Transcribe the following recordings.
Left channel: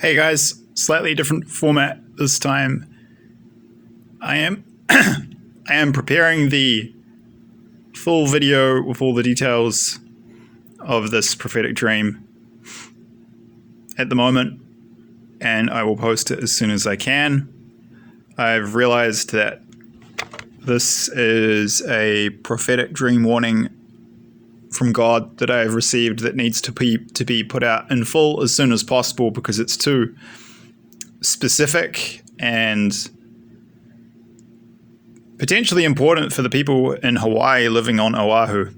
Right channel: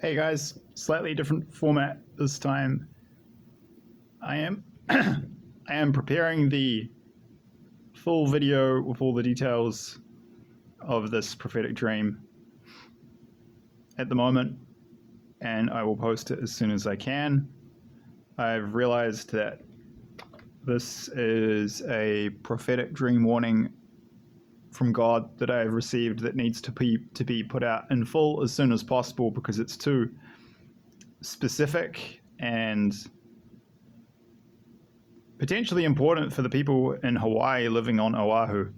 Hey guys, slightly different format this time. I am preparing the full video with all the details of this prophetic dream at the moment, and I will post it as soon as I can. I've realized that this is a prophetic dream warning from God that I have received that needs to be put out in full as soon as possible because it's too specific and potentially important for the people in Hawaii living on Oahu.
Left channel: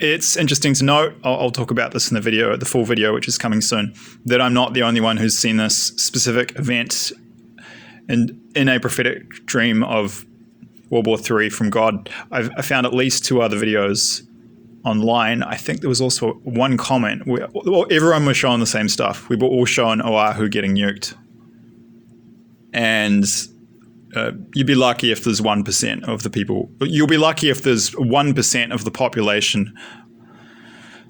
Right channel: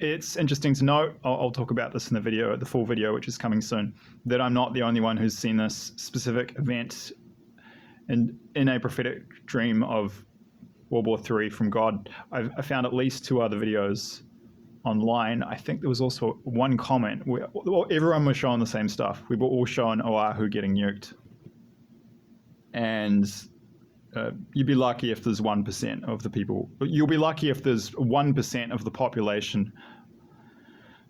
It's interesting to note, I'll talk about this in the video, the full video, which is coming soon, that I'm not the only one who's seen this specific event in a prophetic dream of World War III from God. I found at least 2 other videos online. I think there was also one comment where everyone was showing the same stuff. We were all showing Oahu getting nuked. And you'd be lucky if there's 1% of the people. You'll be lucky if there's 1% of the population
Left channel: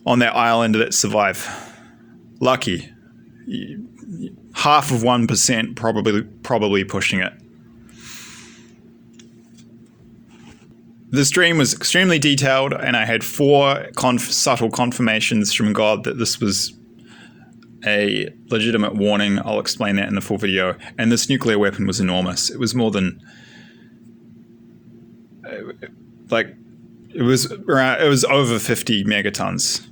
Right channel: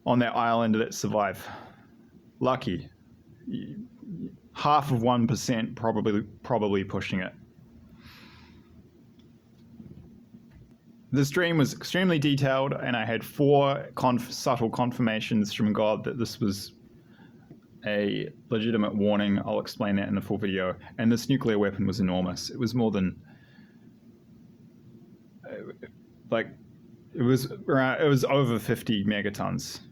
on that island that survive. Lucky. Half of 1% probably pushing it. This dream was extremely detailed, and I had 4 subtle confirmations from God that this was a legitimate warning. I'll explain that in the full video. And this nuclear weapon was enormous. It was more than it was over 50 megatons.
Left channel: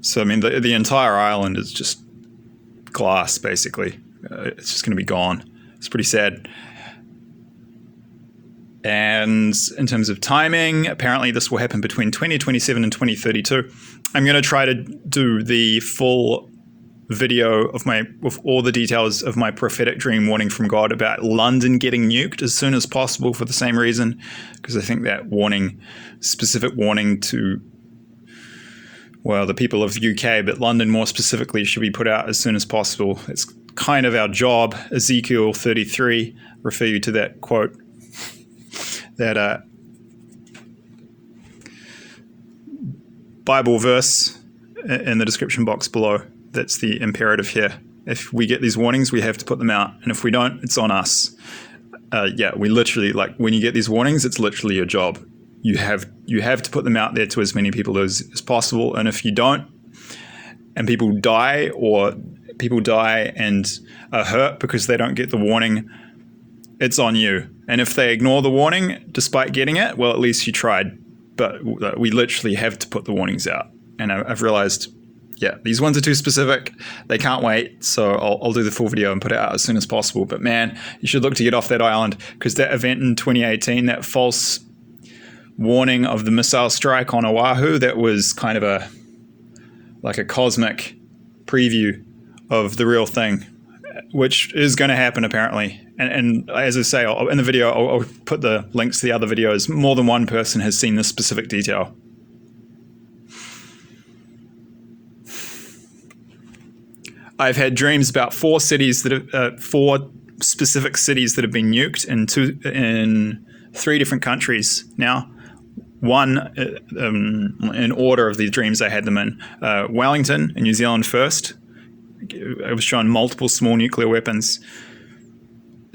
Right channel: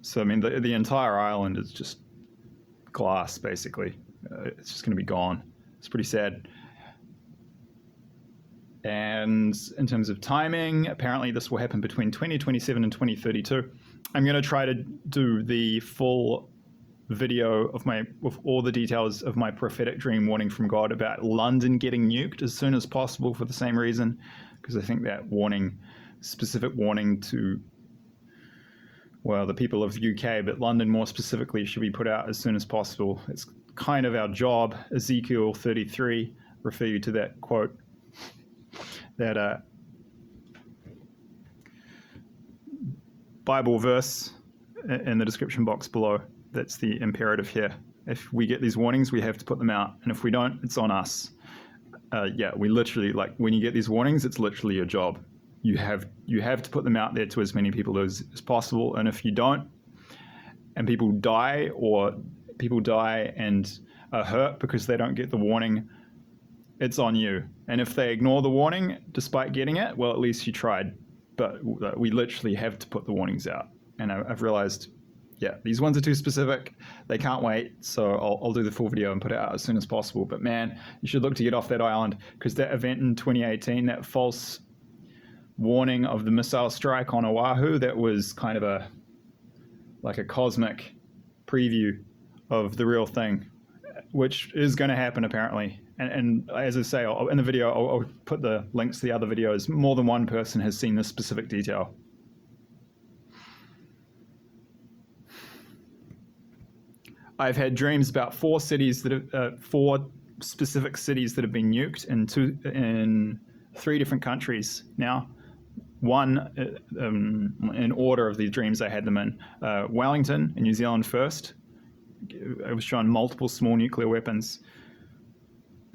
So I mean, the entire island is just glass, basically. It's just going to be gone. It's pretty sad. And in terms of timing, apparently this will happen between 2027 and 2032. I'm going to try to do the full video with all the details of my prophetic dream warning from God about London getting nuked as soon as possible for the same reason, because I think that specific warning to, well, the people of the UK, but London more specifically, should be put out as soon as possible. It's kind of our job. Ezekiel 33, refer you to that quote. That Bible verse in the description box below. That's the imperative here. If we get these warnings, we have to put them out. And if we don't, it's on us. We literally, when you get these warnings, it's literally your job. You have to put them out there to as many people as possible. And if you don't, and people die and are hurt because they don't get the warning, it's on you. And if they ignore the warning despite getting it, well, at least you tried. But we literally have to put the warnings out. And I've realized, these ones are too specific. They can't wait. So I'll do the full video and put it out as soon as possible. But man, you should look to get off that island, because that event in 2018, that false warning of the missile strike on Oahu, that was kind of a cosmic preview of the real thing, which is going to happen apparently. And as I say, in the video, I'll put the links to the other videos. More than one person has seen this specific detail. I've had dreams about 4 specific cities that have been nuked in 3 different countries now. One, in order of the dreams I had them in. Wellington in New Zealand first. I was shown multiple small nuclear weapons.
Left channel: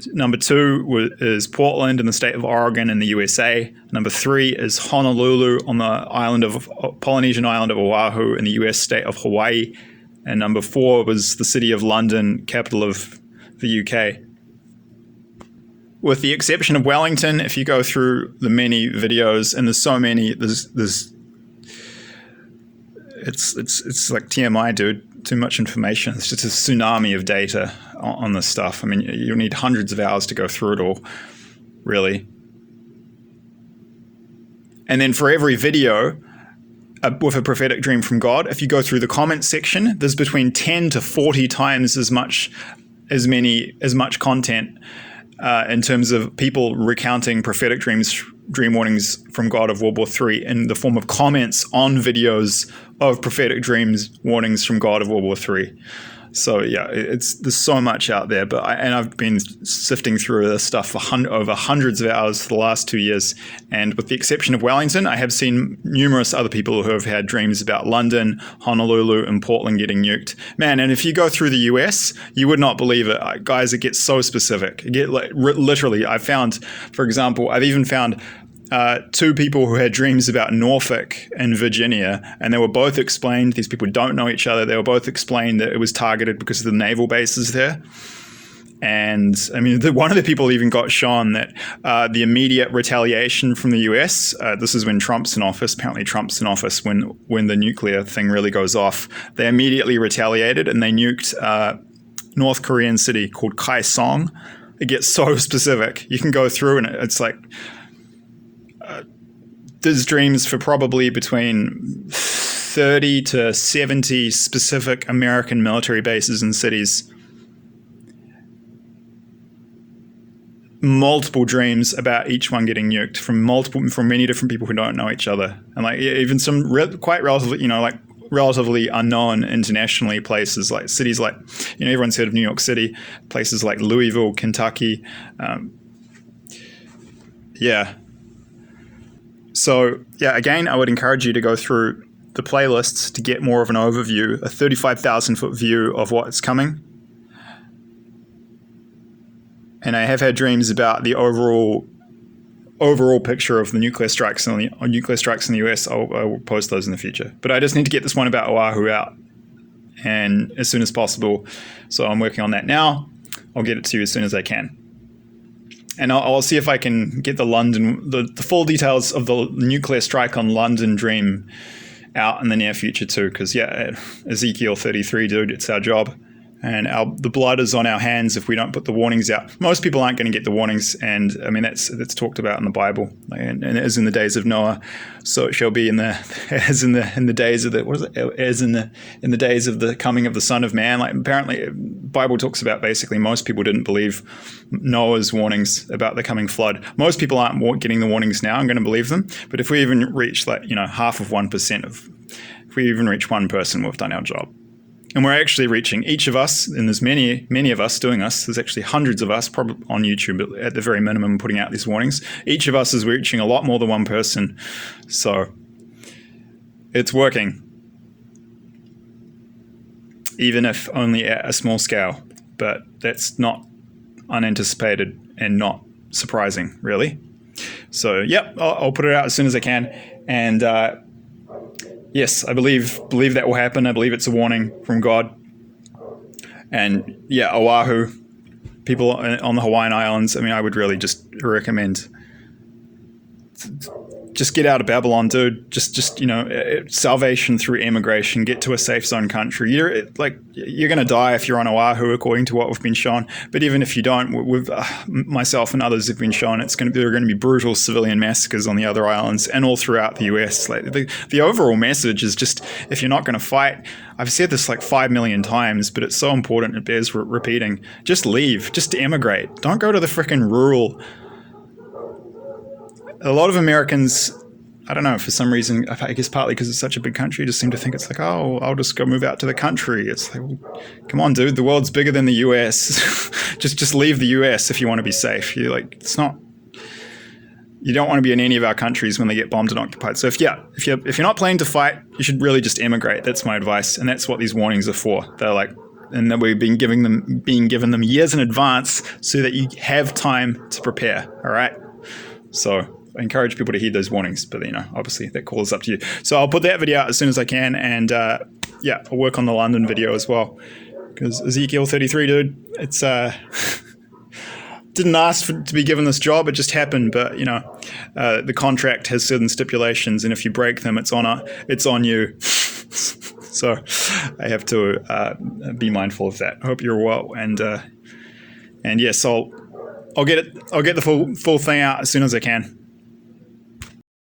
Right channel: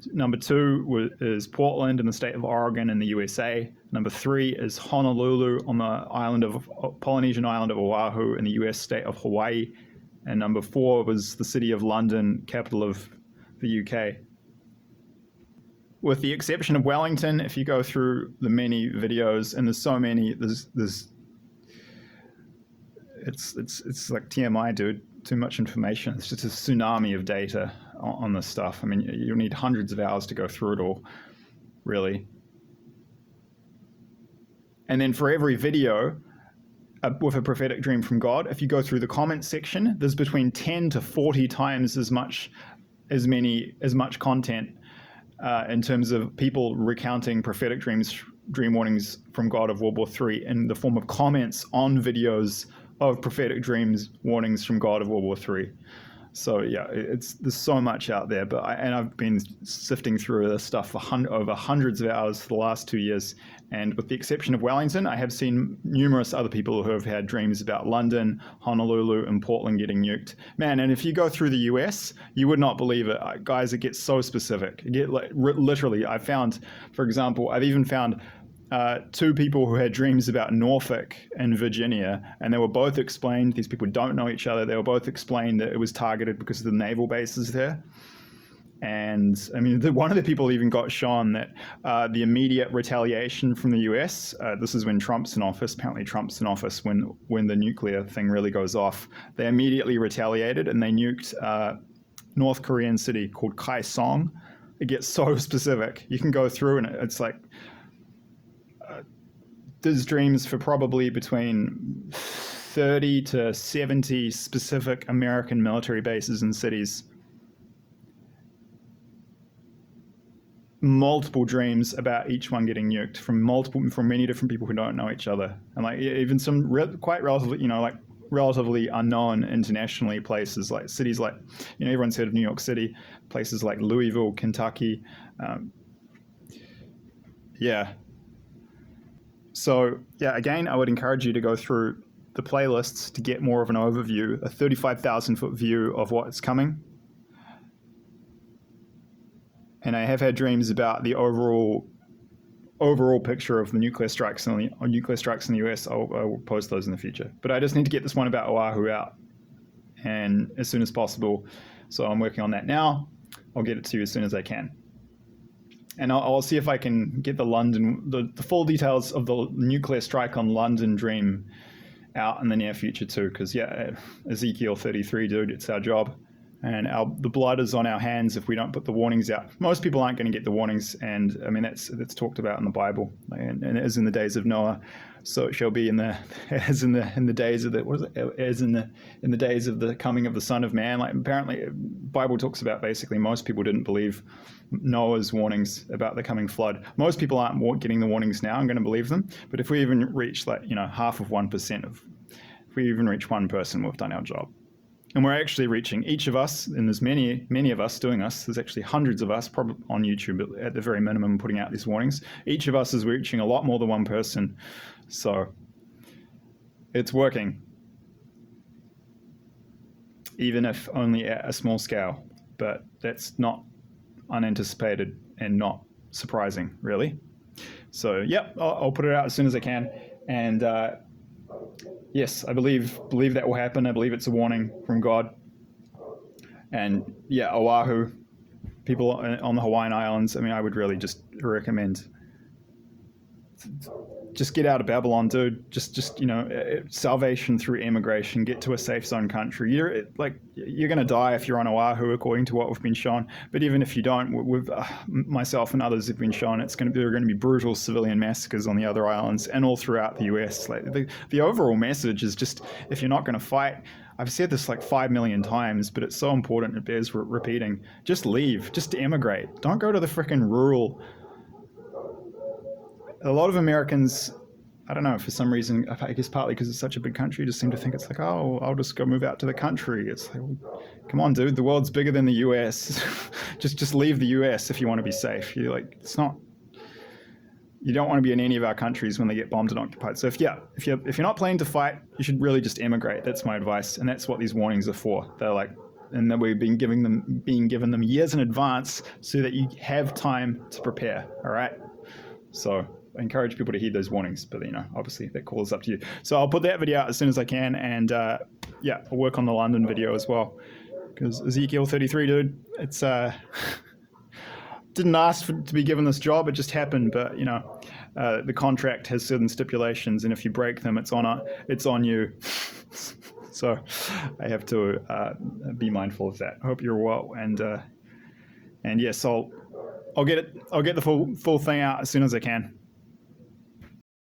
Number 2 is Portland in the state of Oregon in the USA. Number 3 is Honolulu on the Polynesian island of Oahu in the US state of Hawaii. And number 4 was the city of London, capital of the UK. With the exception of Wellington, if you go through the many videos, and there's so many, it's like TMI, dude. Too much information. It's just a tsunami of data on this stuff. I mean, you'll need hundreds of hours to go through it all, really. And then for every video with a prophetic dream from God, if you go through the comments section, there's between 10 to 40 times as much content in terms of people recounting prophetic dream warnings from God of World War III in the form of comments on videos of prophetic dreams warnings from God of World War III. So yeah, there's so much out there, but I've been sifting through this stuff for over hundreds of hours for the last 2 years, and with the exception of Wellington, I have seen numerous other people who have had dreams about London, Honolulu, and Portland getting nuked. Man, and if you go through the US, you would not believe it, guys. It gets so specific. Literally, I found, for example, I've even found 2 people who had dreams about Norfolk and Virginia, and they were both explained. These people don't know each other. They were both explained that it was targeted because of the naval bases there. And I mean, one of the people even got shown that the immediate retaliation from the US, this is when Trump's in office, apparently Trump's in office when the nuclear thing really goes off, they immediately retaliated and they nuked North Korean city called Kaesong. It gets so specific. You can go through and it's like, there's dreams for probably between 30 to 70 specific American military bases and cities. Multiple dreams about each one getting nuked from many different people who don't know each other. And like even some quite relatively, relatively unknown internationally places, like cities like, everyone's heard of New York City, places like Louisville, Kentucky. So, again, I would encourage you to go through the playlists to get more of an overview, a 35,000-foot view of what's coming. And I have had dreams about the overall picture of the nuclear strikes in the US. I will post those in the future. But I just need to get this one about Oahu out, and as soon as possible. So I'm working on that now. I'll get it to you as soon as I can. And I'll see if I can get the full details of the nuclear strike on London dream out in the near future too. Because Ezekiel 33, dude, it's our job. And the blood is on our hands if we don't put the warnings out. Most people aren't going to get the warnings, and I mean that's talked about in the Bible, and as in the days of Noah, so it shall be in the days of in the days of the coming of the Son of Man. Like apparently, Bible talks about basically most people didn't believe Noah's warnings about the coming flood. Most people aren't getting the warnings now. I'm going to believe them, but if we even reach half of 1% if we even reach one person, we've done our job. And we're actually reaching each of us, and there's many of us doing this. There's actually hundreds of us probably on YouTube at the very minimum putting out these warnings. Each of us is reaching a lot more than one person. So it's working. Even if only at a small scale. But that's not unanticipated and not surprising, really. So, I'll put it out as soon as I can. And yes, I believe that will happen. I believe it's a warning from God. And Oahu, people on the Hawaiian Islands, I mean, I would really just recommend just get out of Babylon, dude. Just salvation through immigration. Get to a safe zone country. You're going to die if you're on Oahu, according to what we've been shown. But even if you don't, myself and others have been shown there are going to be brutal civilian massacres on the other islands and all throughout the US. Like the overall message is just, if you're not going to fight, I've said this like 5 million times, but it's so important it bears repeating. Just leave. Just emigrate. Don't go to the frickin' rural. A lot of Americans, I don't know, for some reason, I guess partly because it's such a big country, just seem to think it's like, oh, I'll just go move out to the country. It's like, well, come on, dude, the world's bigger than the US. just leave the US if you want to be safe. You don't want to be in any of our countries when they get bombed and occupied. So if you're not planning to fight, you should really just emigrate. That's my advice, and that's what these warnings are for. They're like, and that we've been given them years in advance so that you have time to prepare. All right, so I encourage people to heed those warnings, but obviously that call is up to you. So I'll put that video out as soon as I can, and I'll work on the London video as well, because Ezekiel 33, dude, it's didn't ask to be given this job, it just happened. But the contract has certain stipulations, and if you break them, it's on you. So I have to be mindful of that. I hope you're well, and yes, I'll get the full thing out as soon as I can.